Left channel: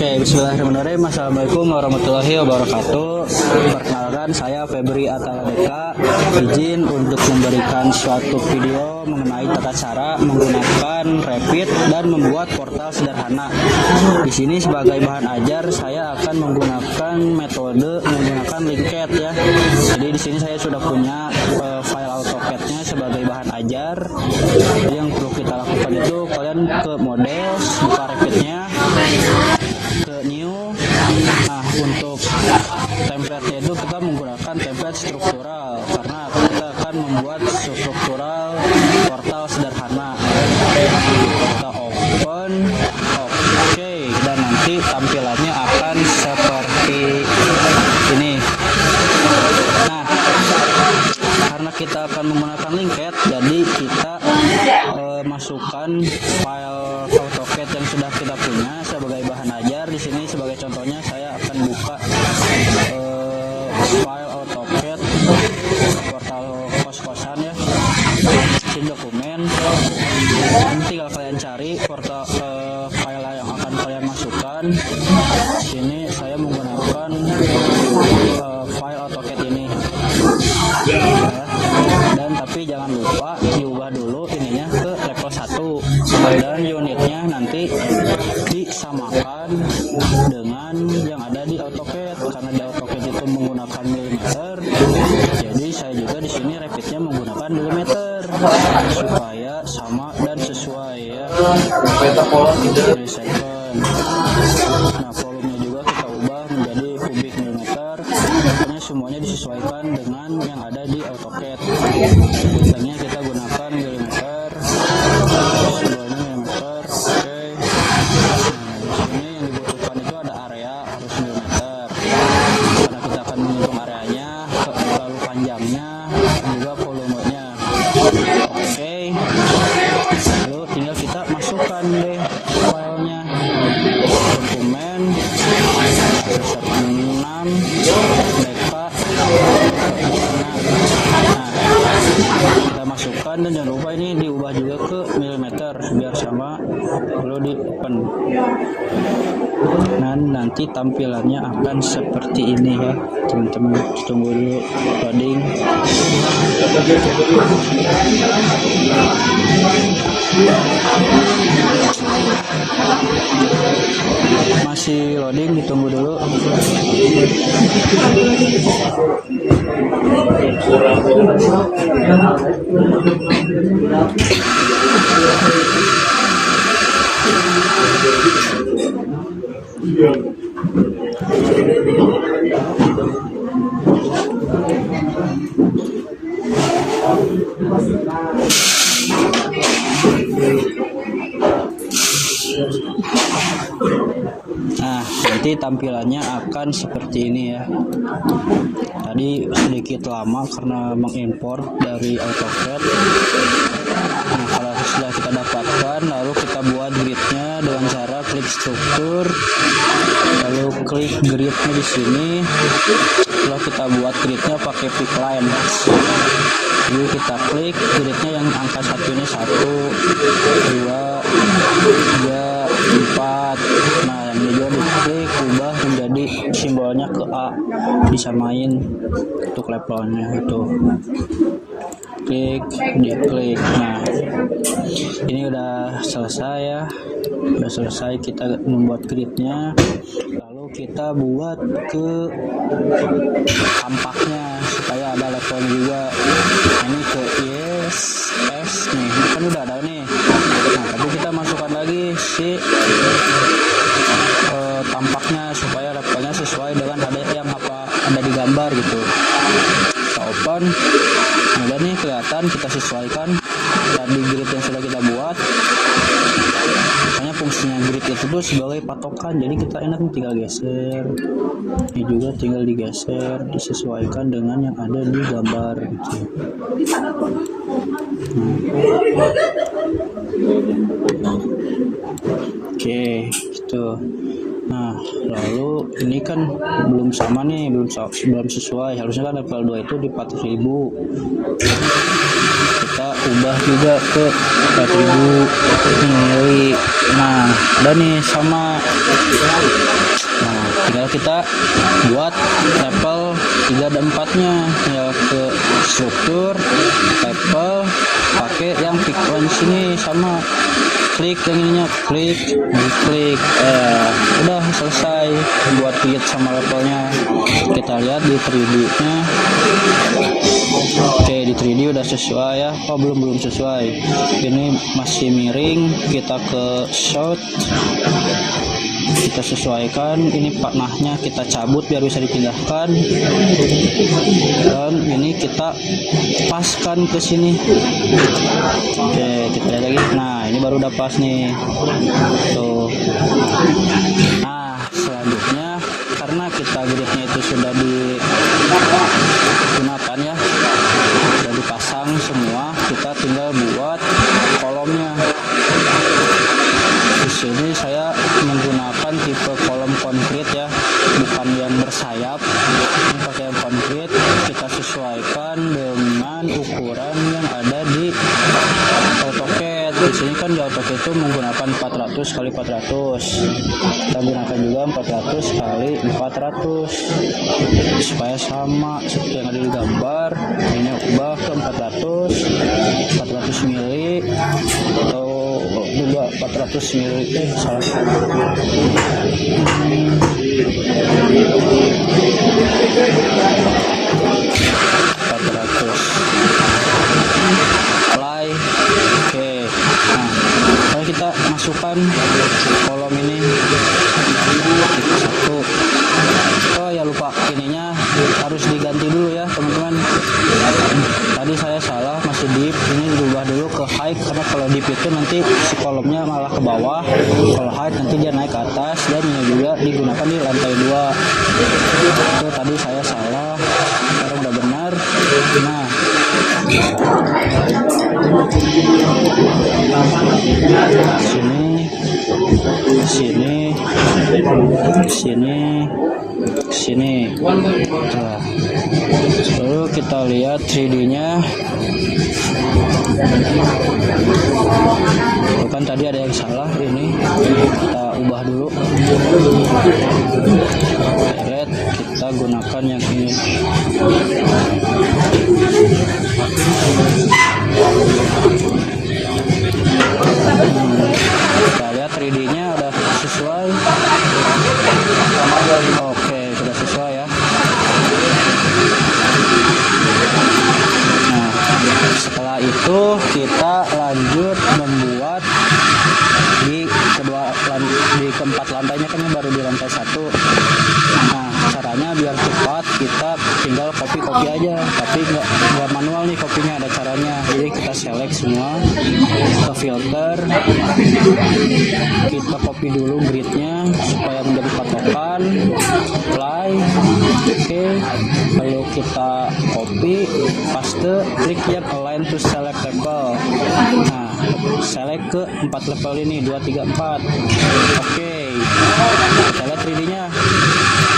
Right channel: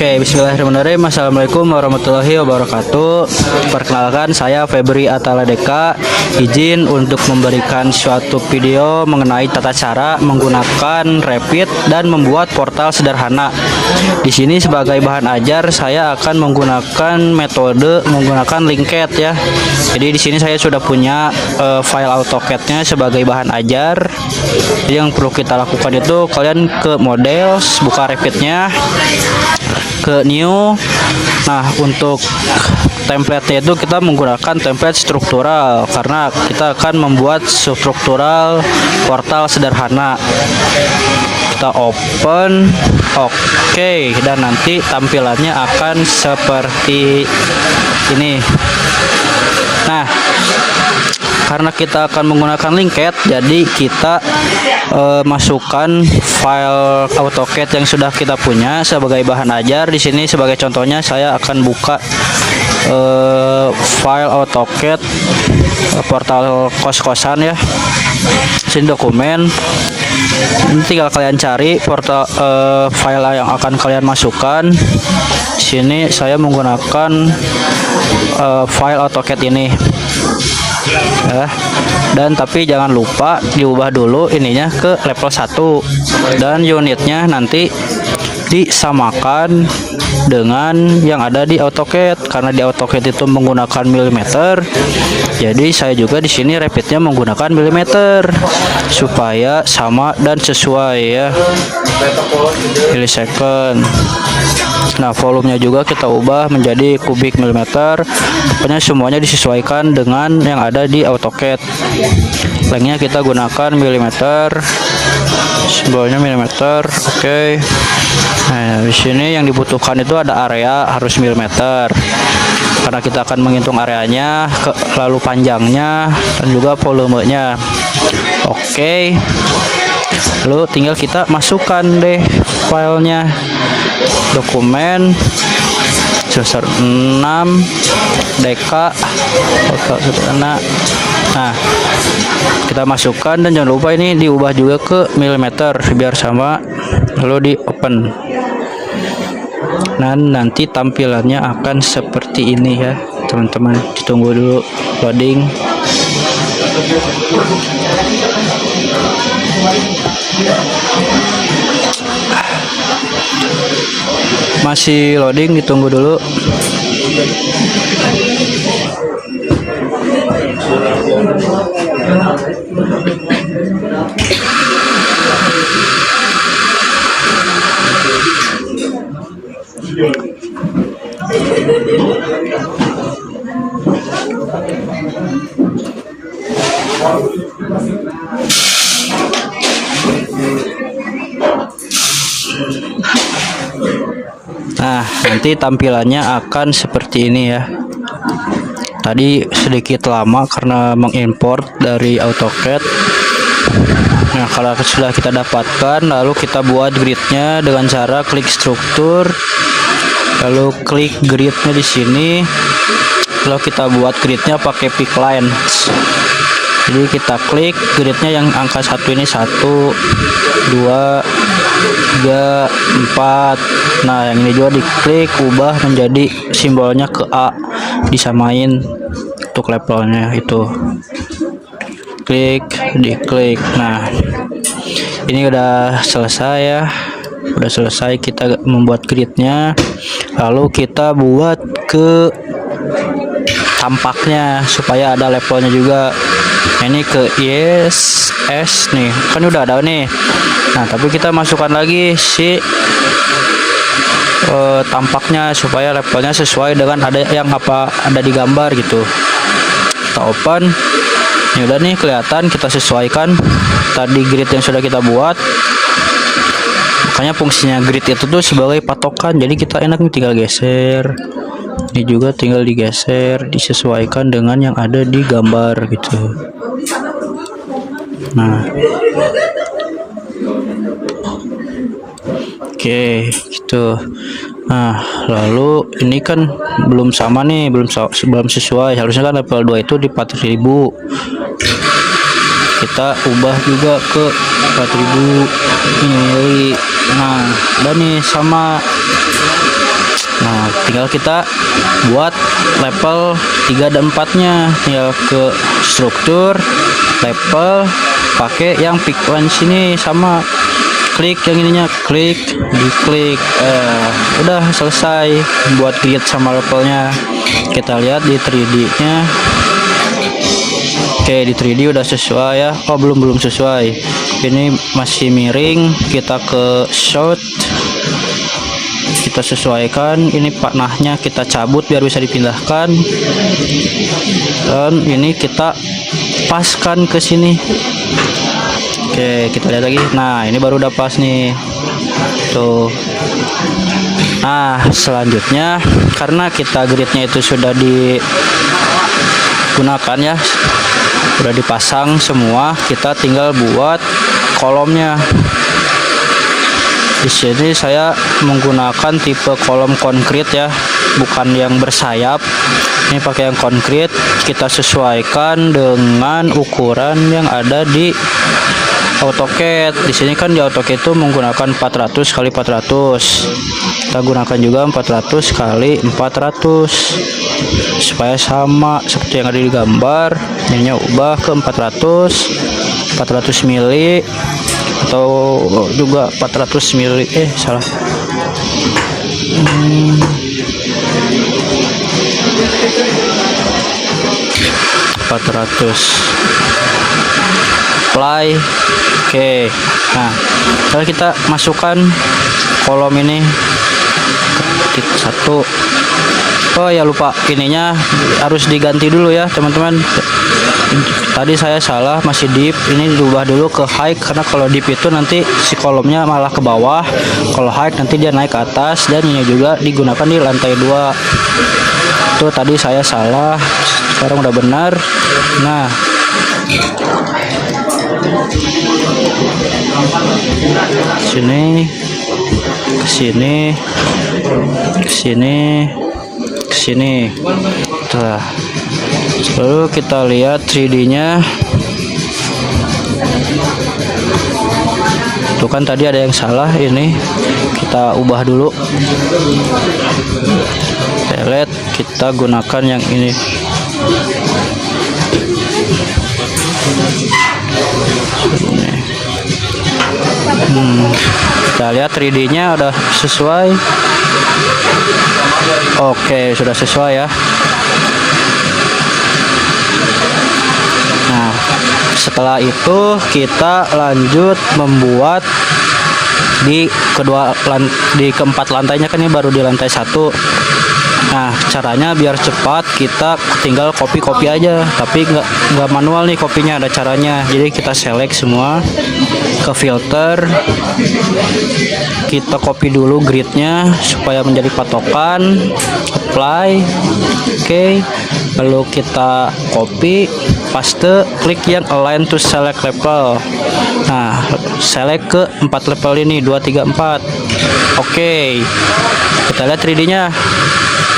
Oke, bismillahirrahmanirrahim. Assalamualaikum warahmatullahi wabarakatuh. Perkenalkan, saya Febri Ataladeka. Izin untuk memberikan suatu video mengenai tata cara menggunakan Rapid dan membuat portal sederhana. Di sini sebagai bahan ajar saya akan menggunakan metode menggunakan linked ya. Jadi di sini saya sudah punya file AutoCAD-nya sebagai bahan ajar. Jadi yang perlu kita lakukan itu kalian ke models, buka Rapid-nya, ke new. Nah, untuk template-nya itu kita menggunakan template struktural karena kita akan membuat struktural portal sederhana. Kita open, oke, dan nanti tampilannya akan seperti ini. Nah, karena kita akan menggunakan linked, jadi kita masukkan file AutoCAD yang sudah kita punya sebagai bahan ajar. Di sini sebagai contohnya saya akan buka file AutoCAD portal kos-kosan ya. Sini dokumen. Ini tinggal kalian cari portal file yang akan kalian masukkan. Sini saya menggunakan file AutoCAD ini. Dan tapi jangan lupa diubah dulu ininya ke level 1 dan unitnya nanti disamakan dengan yang ada di AutoCAD karena di AutoCAD itu menggunakan milimeter. Jadi saya juga di sini Rapidnya menggunakan milimeter supaya sama dan sesuai ya. Millisecond. Nah, volumenya juga kita ubah menjadi kubik milimeter. Pokoknya semuanya disesuaikan dengan yang ada di AutoCAD. Lengthnya kita gunakan milimeter, simbolnya milimeter. Oke. Nah, di sini yang dibutuhkan itu ada area harus milimeter. Karena kita akan menghitung areanya, lalu panjangnya dan juga volumenya. Oke. Lalu tinggal kita masukkan deh filenya. Dokumen sebesar 6 deka. Nah, kita masukkan dan jangan lupa ini diubah juga ke milimeter biar sama, lalu di open. Dan nanti tampilannya akan seperti ini ya teman-teman. Ditunggu dulu loading. Masih loading, ditunggu dulu. Nah, nanti tampilannya akan seperti ini ya. Tadi sedikit lama karena mengimport dari AutoCAD. Nah, kalau sudah kita dapatkan, lalu kita buat gridnya dengan cara klik struktur, lalu klik gridnya di sini, lalu kita buat gridnya pakai pick lines. Jadi kita klik gridnya yang angka 1 ini 1, 2, 3, 4. Nah, yang ini juga diklik, ubah menjadi simbolnya ke A, disamain untuk levelnya itu. Klik, diklik. Nah, ini udah selesai ya. Udah selesai kita membuat gridnya. Lalu kita buat ke tampaknya supaya ada levelnya juga. Ini ke yes S nih, kan udah ada nih. Nah, tapi kita masukkan lagi si tampaknya supaya levelnya sesuai dengan ada yang apa ada di gambar gitu. Kita open. Ini udah nih kelihatan, kita sesuaikan tadi grid yang sudah kita buat. Makanya fungsinya grid itu tuh sebagai patokan, jadi kita enak nih tinggal geser. Ini juga tinggal digeser, disesuaikan dengan yang ada di gambar gitu. Nah, oke gitu. Nah, lalu ini kan belum sama nih, belum sesuai. Harusnya kan level 2 itu di 4000. Kita ubah juga ke 4000 mili. Nah, dan nih sama tinggal kita buat level 3 dan 4 nya ya, ke struktur level pakai yang pick line sini, sama klik yang ininya, klik diklik, udah selesai buat grid sama levelnya. Kita lihat di 3D nya. Oke, di 3D udah sesuai ya. Oh, belum sesuai, ini masih miring. Kita ke shot, kita sesuaikan. Ini panahnya kita cabut biar bisa dipindahkan, dan ini kita paskan ke sini. Oke, kita lihat lagi. Nah, ini baru udah pas nih tuh. Nah, selanjutnya karena kita gridnya itu sudah digunakan ya, udah dipasang semua, kita tinggal buat kolomnya. Di sini saya menggunakan tipe kolom konkrit ya, bukan yang bersayap. Ini pakai yang konkrit. Kita sesuaikan dengan ukuran yang ada di AutoCAD. Di sini kan di AutoCAD itu menggunakan 400 kali 400. Kita gunakan juga 400 kali 400 supaya sama seperti yang ada di gambar. Ini ubah ke 400 mili atau juga 400 mili. Salah. 400 apply. Oke. Nah, sekarang kita masukkan kolom ini satu. Oh ya, lupa, ininya harus diganti dulu ya teman-teman. Tadi saya salah, masih deep. Ini diubah dulu ke high, karena kalau deep itu nanti si kolomnya malah ke bawah, kalau high nanti dia naik ke atas. Dan ini juga digunakan di lantai 2. Tuh tadi saya salah, sekarang udah benar. Nah, sini, sini, sini, sini. Tuh. Lalu kita lihat 3D-nya. Tuh kan tadi ada yang salah, ini kita ubah dulu. Pelet kita gunakan yang ini. Kita lihat 3D-nya udah sesuai. Oke, sudah sesuai ya. Nah, setelah itu kita lanjut membuat di keempat lantainya, kan ini baru di lantai 1. Nah, caranya biar cepat kita tinggal copy aja, tapi nggak manual nih kopinya, ada caranya. Jadi kita select semua, ke filter, kita copy dulu gridnya supaya menjadi patokan, apply. Oke, lalu kita copy, paste, klik yang align to select level. Nah, select ke 4 level ini, 2, 3, 4. Oke, kita lihat 3D-nya.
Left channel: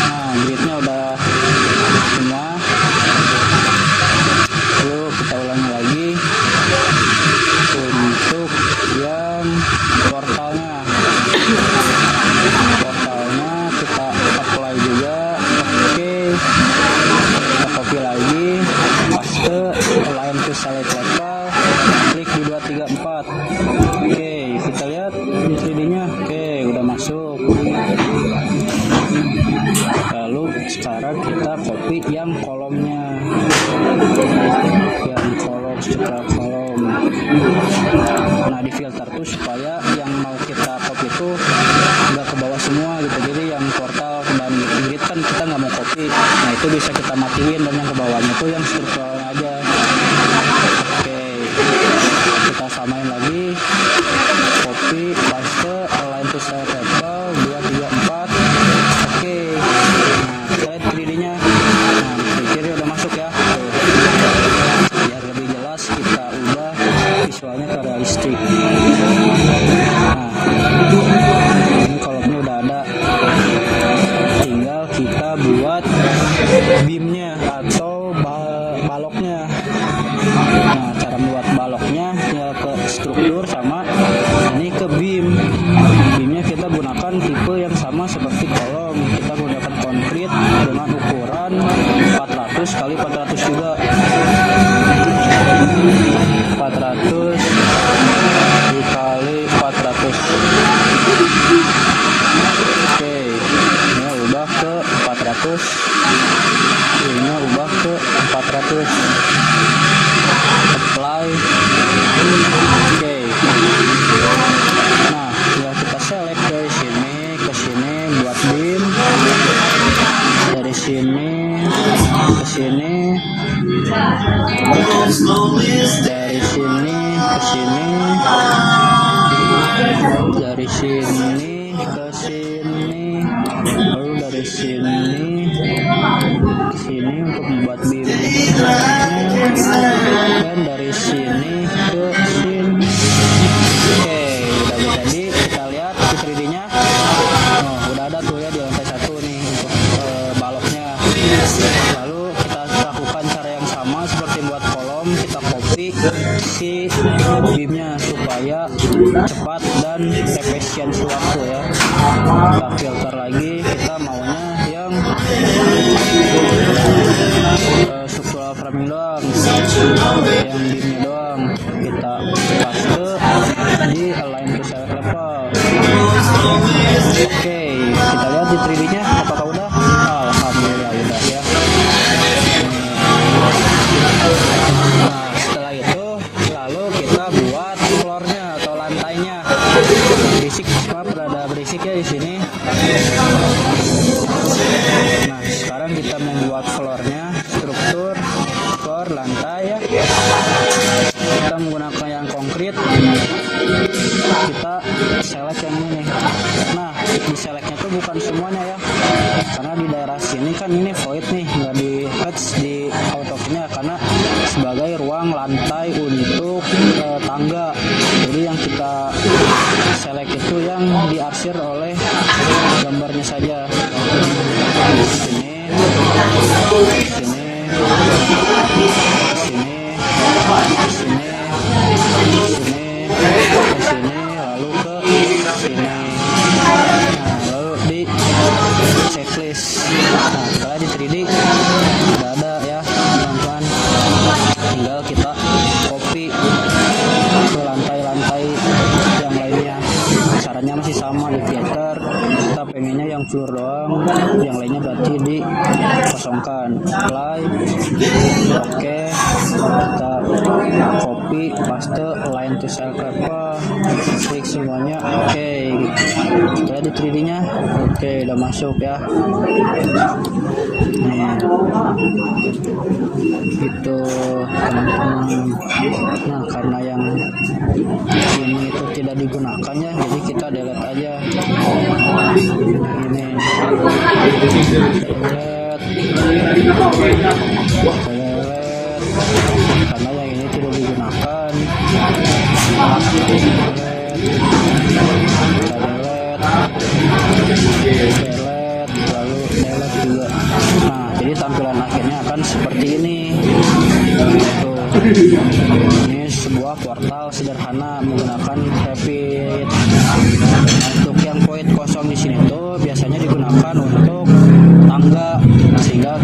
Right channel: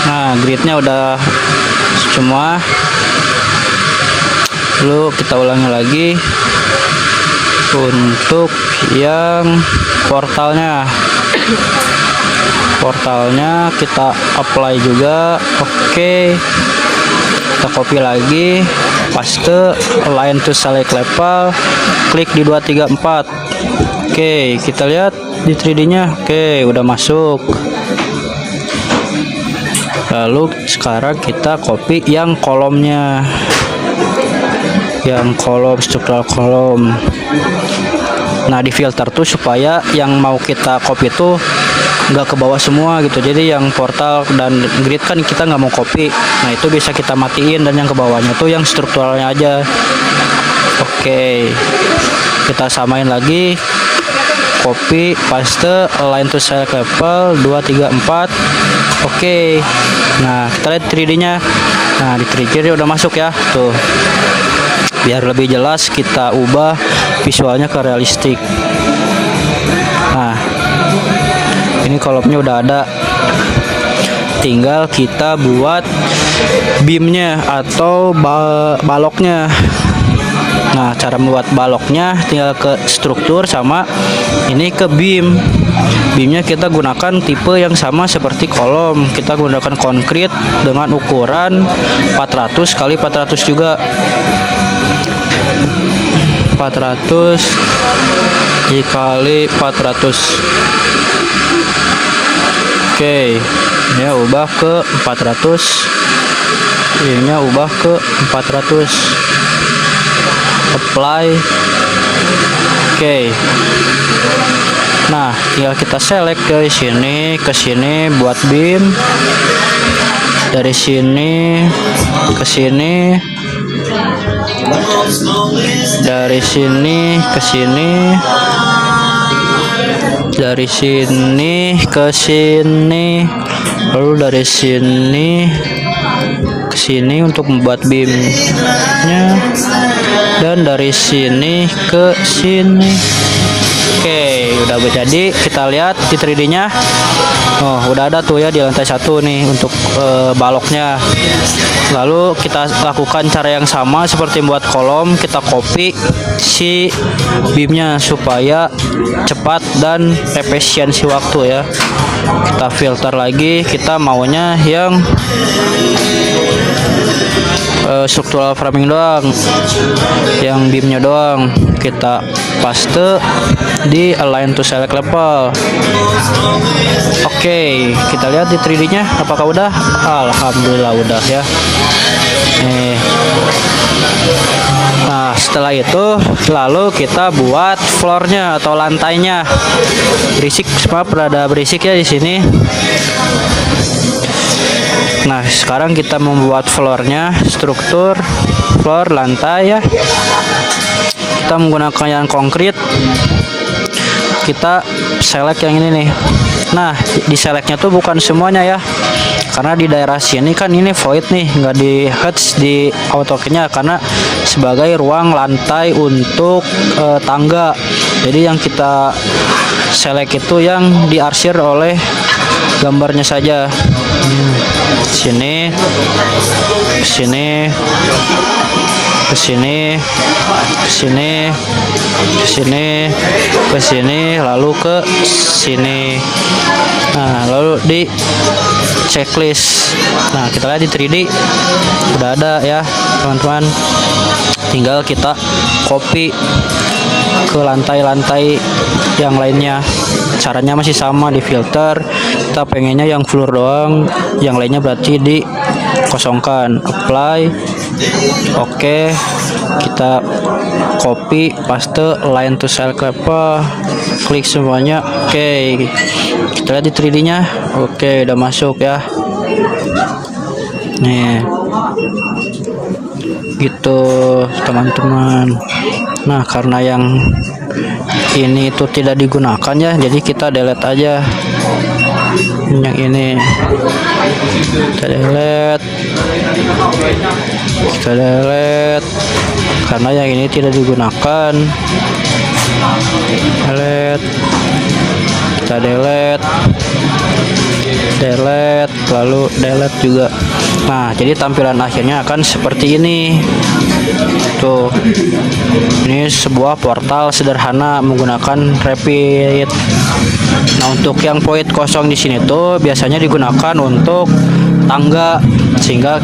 Nah, gridnya udah semua. Lalu kita ulangi lagi untuk yang portalnya. Portalnya kita apply juga. Oke, kita copy lagi, paste, align to select level, klik di 2, 3, 4. Oke, kita lihat di 3D-nya. Oke, udah masuk. Lalu sekarang kita copy yang kolomnya, yang kolom, struktural kolom. Nah, di filter tuh supaya yang mau kita copy itu nggak ke bawah semua gitu. Jadi yang portal dan grid kan kita nggak mau copy. Nah, itu bisa kita matiin, dan yang ke bawahnya tuh yang strukturalnya aja. Oke, kita samain lagi, copy, paste, align to select level, 2, 3, 4. Oke. Nah, kita lihat 3D-nya. Nah, di 3D udah masuk ya. Tuh. Biar lebih jelas kita ubah visualnya ke realistik. Nah, ini kolomnya udah ada. Tinggal kita buat beamnya atau baloknya. Nah, cara membuat baloknya tinggal ke struktur sama ini ke beam. Beamnya kita gunakan tipe yang sama seperti kolom. Kita gunakan konkrit dengan ukuran 400 kali 400 juga. 400 dikali 400. Oke, ini ubah ke 400. Ini ubah ke 400. Apply. Oke. Nah, tinggal kita select dari sini ke sini buat beam. Dari sini ke sini. Dari sini ke sini. Dari sini ke sini. Lalu dari sini ke sini untuk membuat beamnya, dan dari sini ke sini. Oke, udah jadi. Kita lihat di 3D nya. Oh, udah ada tuh ya di lantai 1 nih untuk baloknya. Lalu kita lakukan cara yang sama seperti buat kolom. Kita copy si beamnya supaya cepat dan efisiensi waktu ya. Kita filter lagi, kita maunya yang structural framing doang, yang beamnya doang. Kita paste di align to select level. Oke, kita lihat di 3D nya apakah udah. Alhamdulillah udah ya. Nih. Nah, setelah itu lalu kita buat floornya atau lantainya. Berisik, maaf ada berisik ya di sini. Nah, sekarang kita membuat floornya, struktur floor lantai ya. Kita menggunakan yang konkrit. Kita select yang ini nih. Nah, di selectnya tuh bukan semuanya ya, karena di daerah sini kan ini void nih, nggak di hatch di AutoCAD-nya karena sebagai ruang lantai untuk tangga. Jadi yang kita select itu yang diarsir oleh gambarnya saja. Sini, sini, ke sini, ke sini, ke sini, ke sini, lalu ke sini. Nah, lalu di checklist. Nah, kita lihat di 3D udah ada ya teman-teman. Tinggal kita copy ke lantai-lantai yang lainnya. Caranya masih sama, di filter. Kita pengennya yang floor doang, yang lainnya berarti dikosongkan. Apply. Oke, kita copy, paste, align to select level, klik semuanya. Oke, kita lihat di 3D nya. Oke, udah masuk ya. Nih, gitu teman-teman. Nah, karena yang ini itu tidak digunakan ya, jadi kita delete aja yang ini. Kita delete karena yang ini tidak digunakan. Delete, kita delete, lalu delete juga. Nah, jadi tampilan akhirnya akan seperti ini. Tuh, ini sebuah portal sederhana menggunakan Revit. Nah, untuk yang void kosong di sini tuh biasanya digunakan untuk tangga, sehingga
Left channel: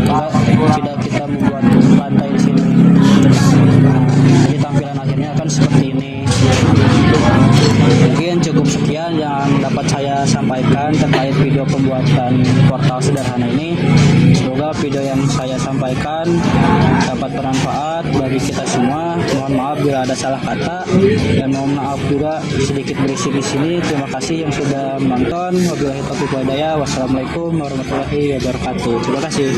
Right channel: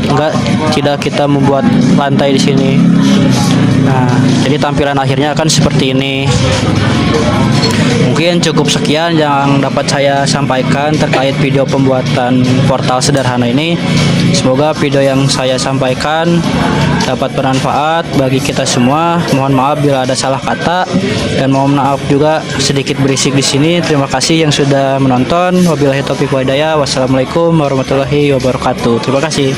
tidak kita membuat lantai di sini. Nah, jadi tampilan akhirnya akan seperti ini. Mungkin cukup sekian yang dapat saya sampaikan terkait video pembuatan portal sederhana ini. Semoga video yang saya sampaikan dapat bermanfaat bagi kita semua. Mohon maaf bila ada salah kata, dan mohon maaf juga sedikit berisik di sini. Terima kasih yang sudah menonton. Wabillahi taufiq wal hidayah. Wassalamualaikum warahmatullahi wabarakatuh. Terima kasih.